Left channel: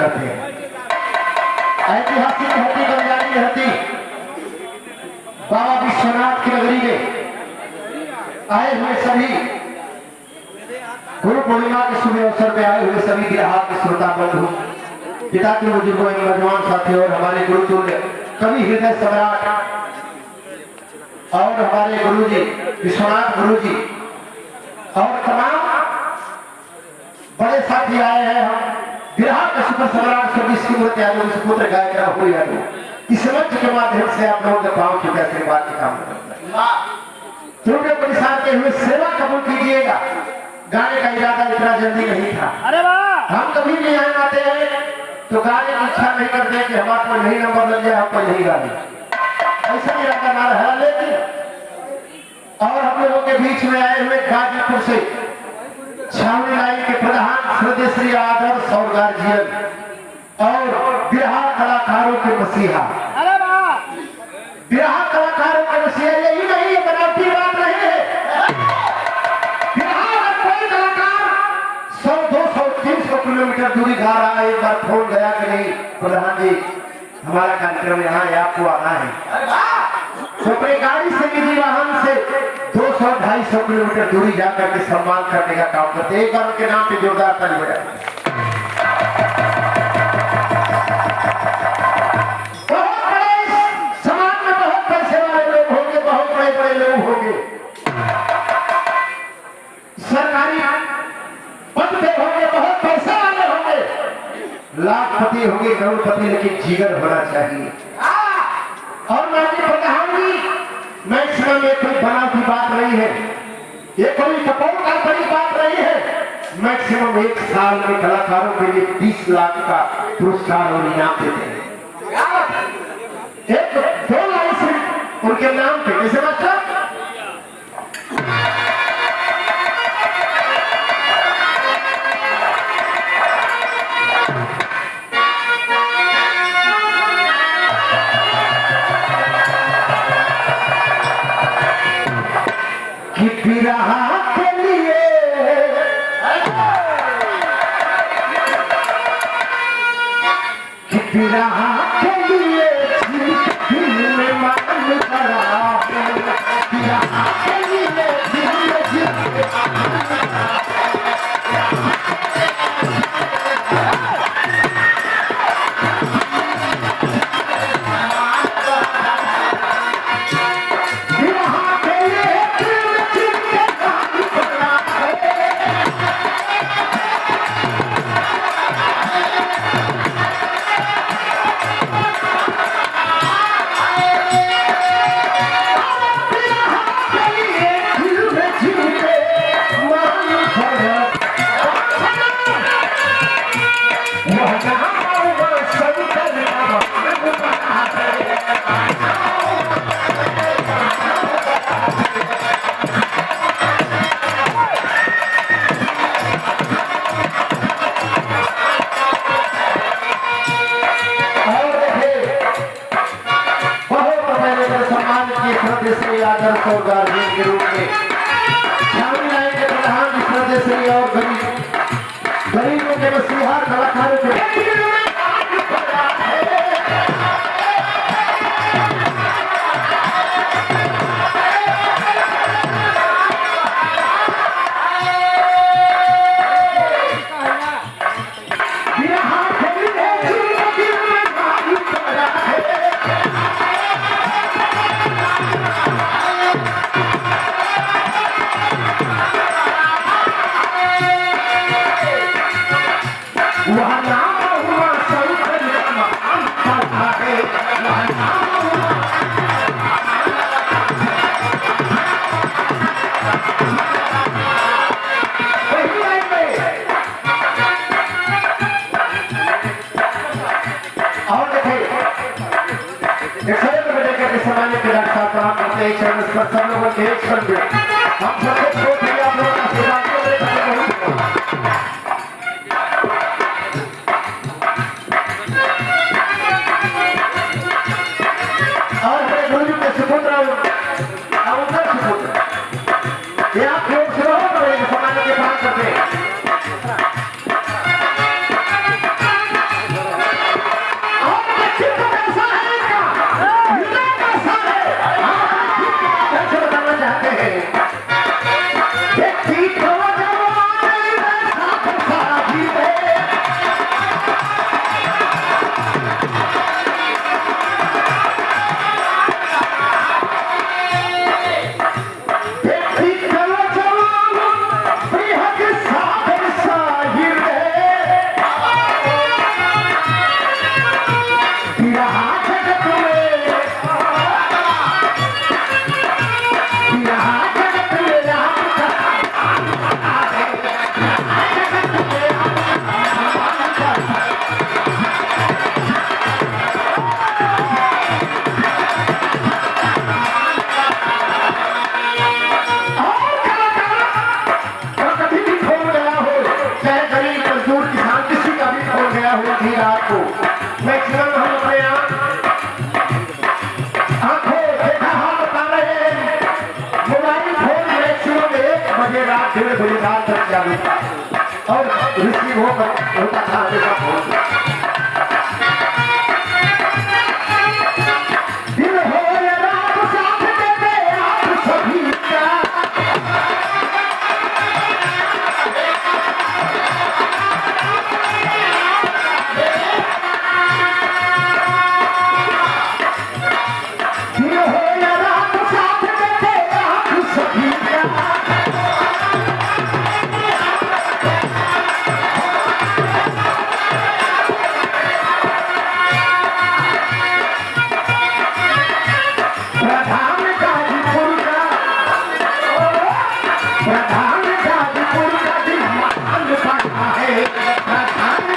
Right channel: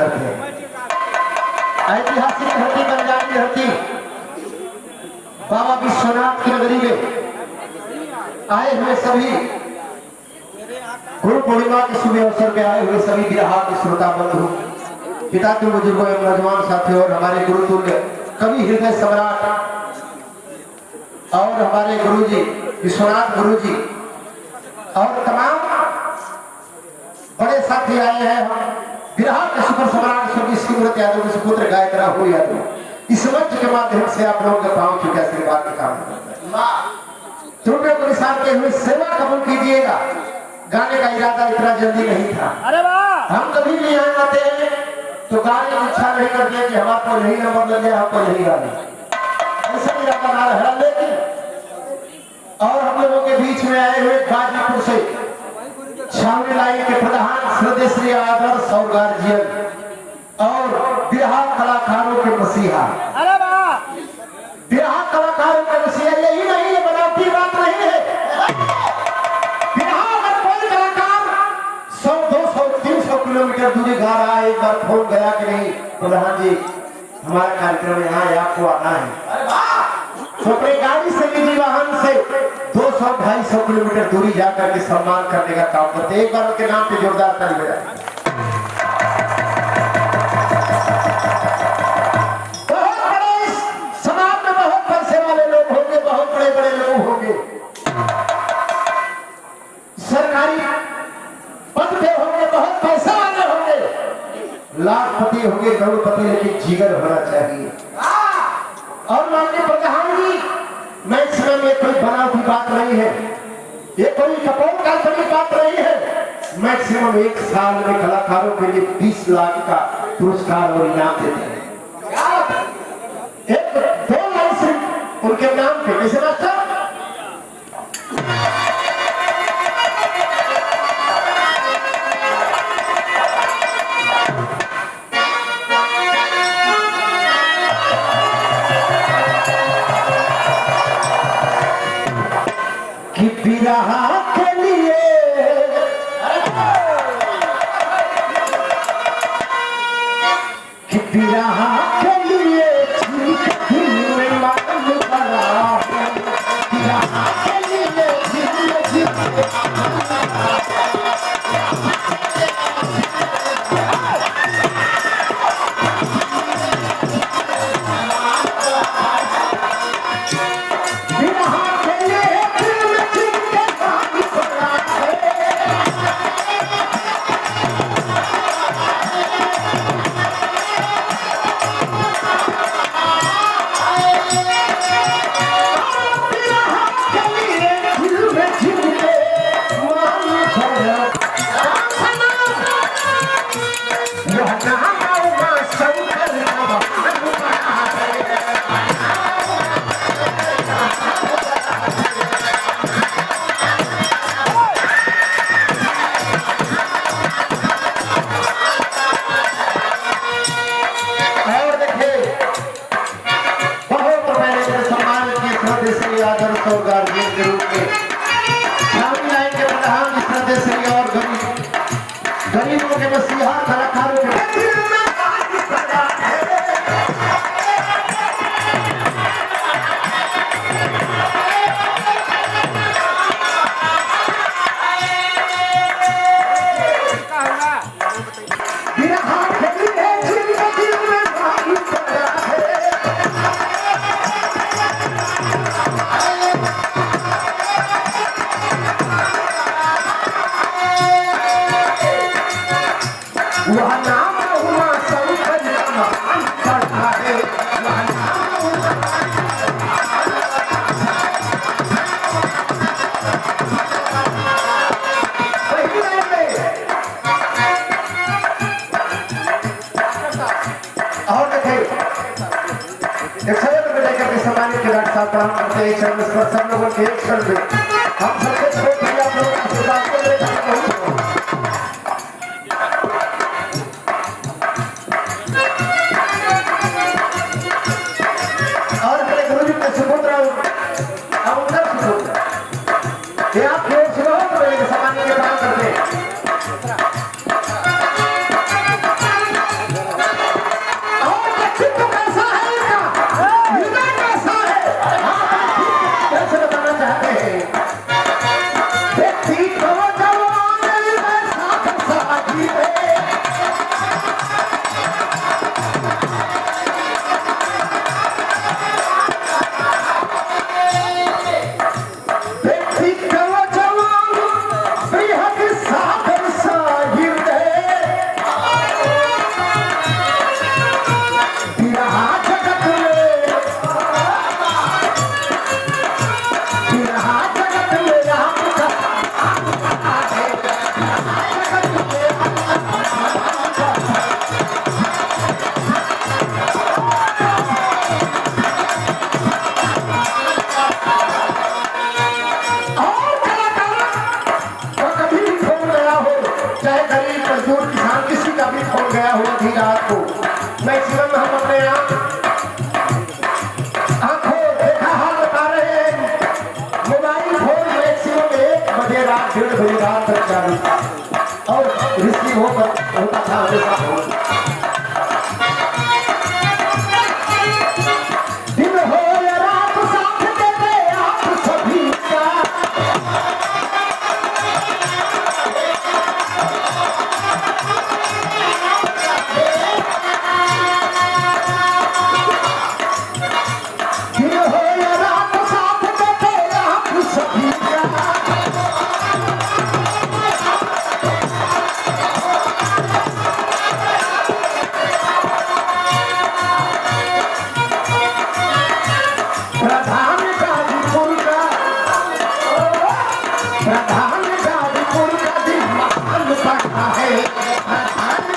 करते हैं। ऐतिहासिक धरती बंजारी धरती बाबा विश्वनाथ की नगरी में आए हुए सभी गुरु पूर्णिमा के शुभ अवसर में आए हुए सभी बिरहा के श्रोता बंधु, पिता के बुजुर्गों एवं नौजवान साथी और हमारे गुरुतुल्य कवि हृदय सम्राट और हमारे गुरुजी विश्वनाथ गुरुजी और तमाम बड़े साथी आए हैं। हम बिरहा के सुपर सम्राट सुपुत्र गायक राहुल यादव इस मंच के माध्यम से आप लोगों के पांव की आशीर्वाद की कामना करता है। त्रुटियों को निशानते हुए सेवा कबूल कीजिएगा। गाने का इरादा इतना जल्दी नहीं था। अरे वाह, हम कभी भी यहाँ आते हैं तो गाने की इच्छा नहीं करते कि हमारे पर यही नंबर लग जाए, आपको यही गाने, ऐसा इरादा ना रहा। लेकिन और हम लोगों के बीच में आए हुए गाजीपुर से छावनी लाइन के प्रधान श्रद्धेय श्री आदर्श और गार्जियन और बिरहा कलाकारों के मसीहा, बिरहा कलाकारों के मसीहा, यही नहीं है, बनावटी बात नहीं है। बिरहा अगर कोई कलाकार 100, 200, 300 किलोमीटर दूरी गा रहा है, एक बार फोन गया कि नहीं प्रधान जी हमारा कार्यक्रम यहाँ है, आपको आना है, तो अपनी गाड़ी से निजी वाहन से 200-250 किलोमीटर दूरी जाकर के सम्मान करने का काम करते हैं। एक बार उनके नाम पे जोरदार ताली बजाएं। बहुत बड़े समाज में बहुत पैसे वाले लोग होंगे, बहुत बड़े बड़े लोग होंगे, सरकारी पद पे होंगे, बहुत पैसे वाले होंगे, लाखपति होंगे, करोड़पति, लेकिन जिगर होना चाहिए। और माननीय प्रधान जी, मैक्सिमम ये कोई बनावटी बात नहीं है, ये कोई कपोल काल्पनिक बात नहीं है। मैक्सिमम एक साल में कलाकारों के लिए 20 लाख का पुरस्कार और इनाम देते हैं। एक 2 लाइन सिर्फ उनके नाम पे, कैसे मास्टर? बिरहा के लिए बिरहा के लिए दिल में मान भरा है, बिरहा के लिए आदर्श और गार्जियन के रूप में छावनी लाइन के प्रधान श्रद्धेय श्री और गरीबों के मसीहा कलाकारों के सम्मानित डॉक्टर साहब प्रणाम करते हैं। चरण स्पर्श सब लोगों के एक क्षण में हम सबसे छोटे आप लोगों का आशीर्वाद को और मेरे गुरुजी के सुपुत्र अब उनका सुपुत्र ये आप लोग सुनो सम्मानित के प्रणाम करते हैं। क्या हुआ थी रात को मैक्सिमम हम अपने आंखों देखा हाल बता रहे हैं मोबाइल फोन मैक्सिमम 1 बजे रात 1:30 बजे रात तक चालू था और रिसीव होता था हमेशा फोन दिन हो या रात साथ देते आप सभी का दिन हो या रात साथ देते आप सभी का प्रधान गाजीपुर का प्रधान गाजीपुर का दिमाग बढ़ा है प्रधान